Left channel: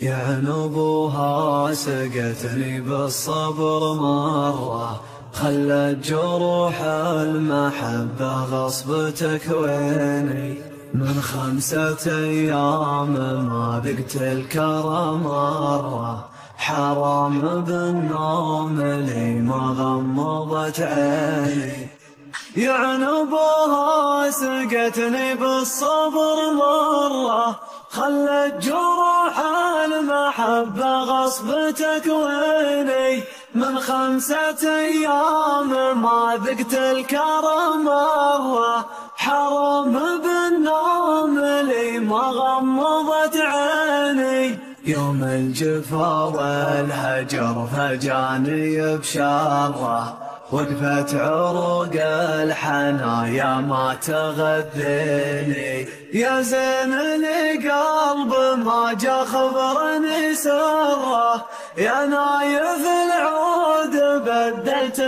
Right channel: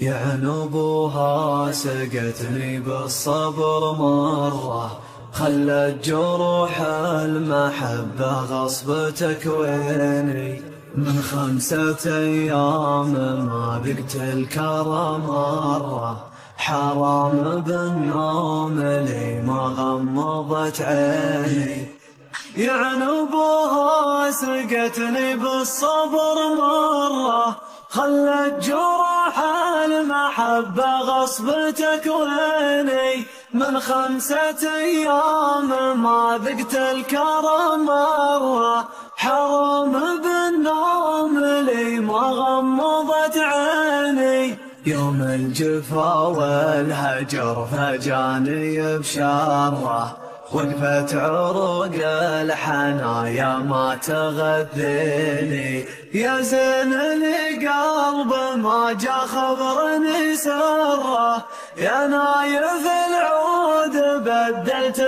يا نبوها سقتني بالصبر مرة، خلت جروح المحبة غصب تكويني. من 5 أيام ما ذقت الكرم مرة، حرام بالنوم لي ما غمضت عيني. يا نبوها سقتني بالصبر مرة، خلت جروح المحبة غصب تكويني. من 5 أيام ما ذقت الكرم مرة، حرام بالنوم لي ما غمضت عيني. يوم الجفا والهجر فجاني بشره، وقفت عروق الحنايا ما تغذيني. يا زين القلب ما جا خبرني سره، يا نايف العود بدلت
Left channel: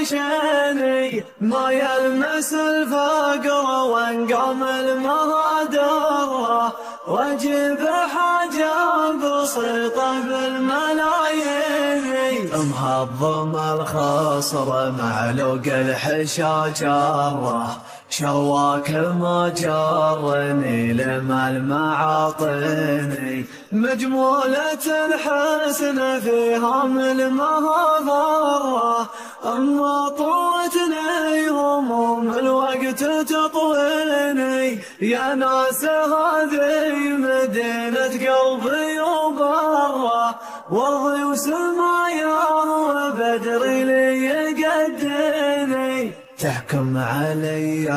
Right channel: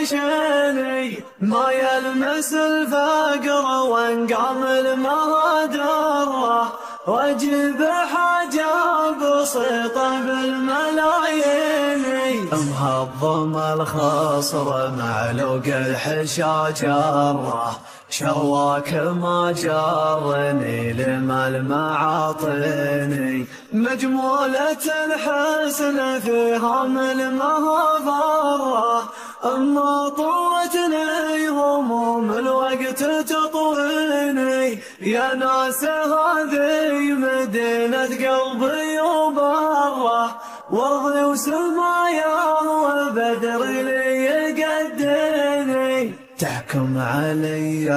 القاشيني. ما يلمس الفقر وانقام المهدره، واجيب حاجة بسيطة بالملايين. مهضم الخصر معلوق الحشاجره، شواك ما جرني لما المعاطيني. مجمولة الحسن فيها من مهضره، أما طوتني هموم الوقت تطويني. يا ناس هذه مدينة قلبي وبره، وارضي وسمايا وبدري لي يقديني. تحكم علي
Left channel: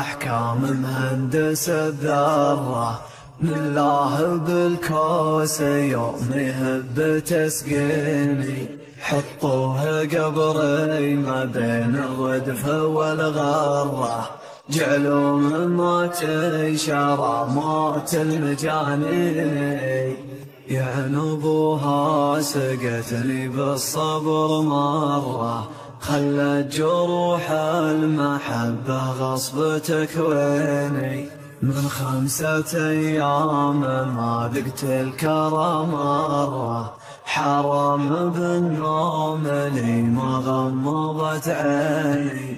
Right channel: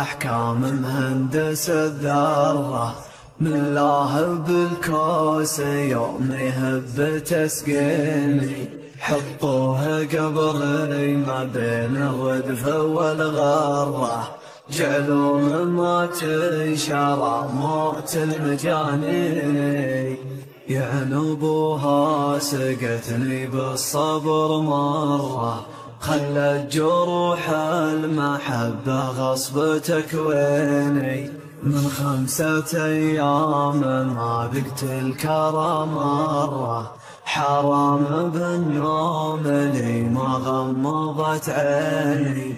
أحكام مهندس الذرة، من الله بالكوس يوم يهب تسقيني. حطوه قبري ما بين الردف والغرة، جعلوا مما تنشر موت المجانين. يا نبوها سقتني بالصبر مرة، خلت جروح المحبة غصب تكويني. من 5 أيام ما ذقت الكرم مرة، حرام بالنوم لي ما غمضت عيني.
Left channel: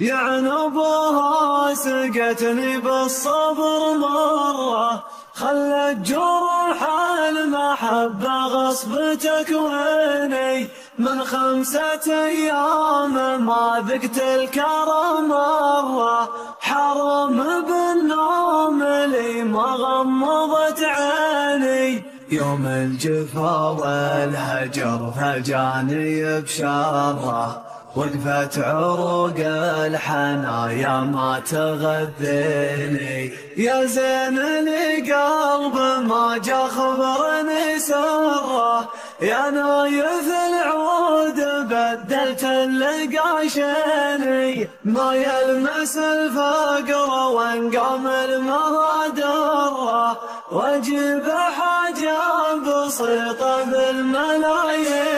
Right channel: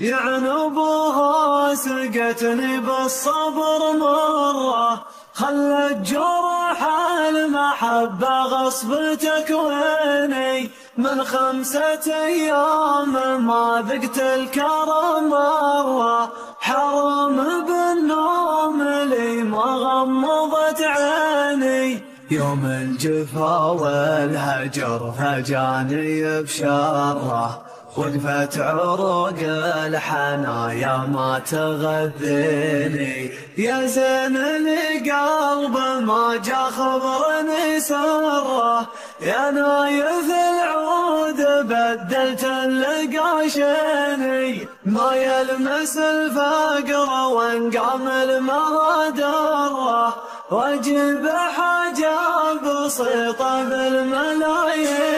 يا نبوها سقتني بالصبر مرة، خلت جروح المحبة غصب تكويني. من 5 أيام ما ذقت الكرم مرة، حرام بالنوم لي ما غمضت عيني. يوم الجفا والهجر فجاني بشره، وقفت عروق الحنايا ما تغذيني. يا زين القلب ما جا خبرني سره، يا نايف العود بدلت القاشيني. ما يلمس الفقر وانقام المهدره، واجيب حاجة بسيطة بالملايين.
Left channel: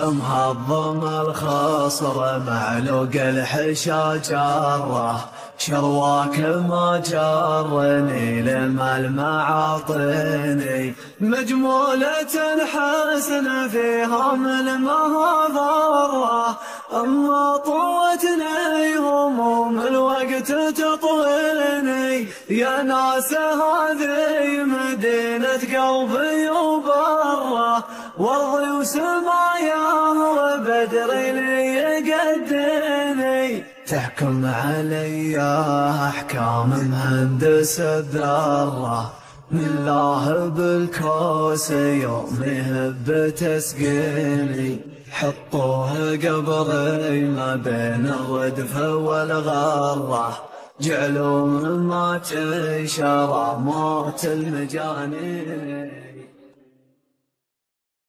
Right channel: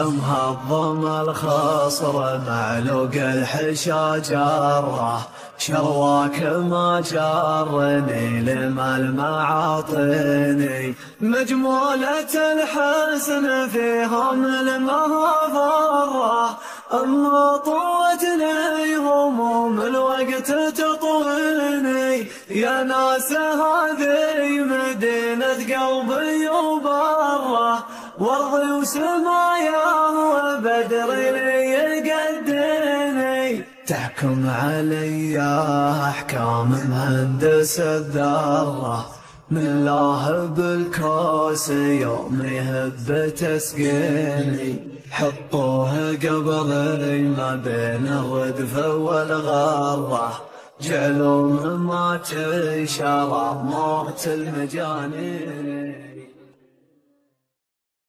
مهضم الخصر معلوق الحشاجره، شواك ما جرني لما المعاطيني. مجمولة الحسن فيها من مهضره، أما طوتني هموم الوقت تطويني. يا ناس هذه مدينة قلبي وبره، وارضي وسمايا وبدري لي يقديني. تحكم علي أحكام مهندس الذرة، من الله بالكوس يوم يهب تسقيني. حطوه قبري ما بين الردف والغرة، جعلوا مما تنشر موت المجانين.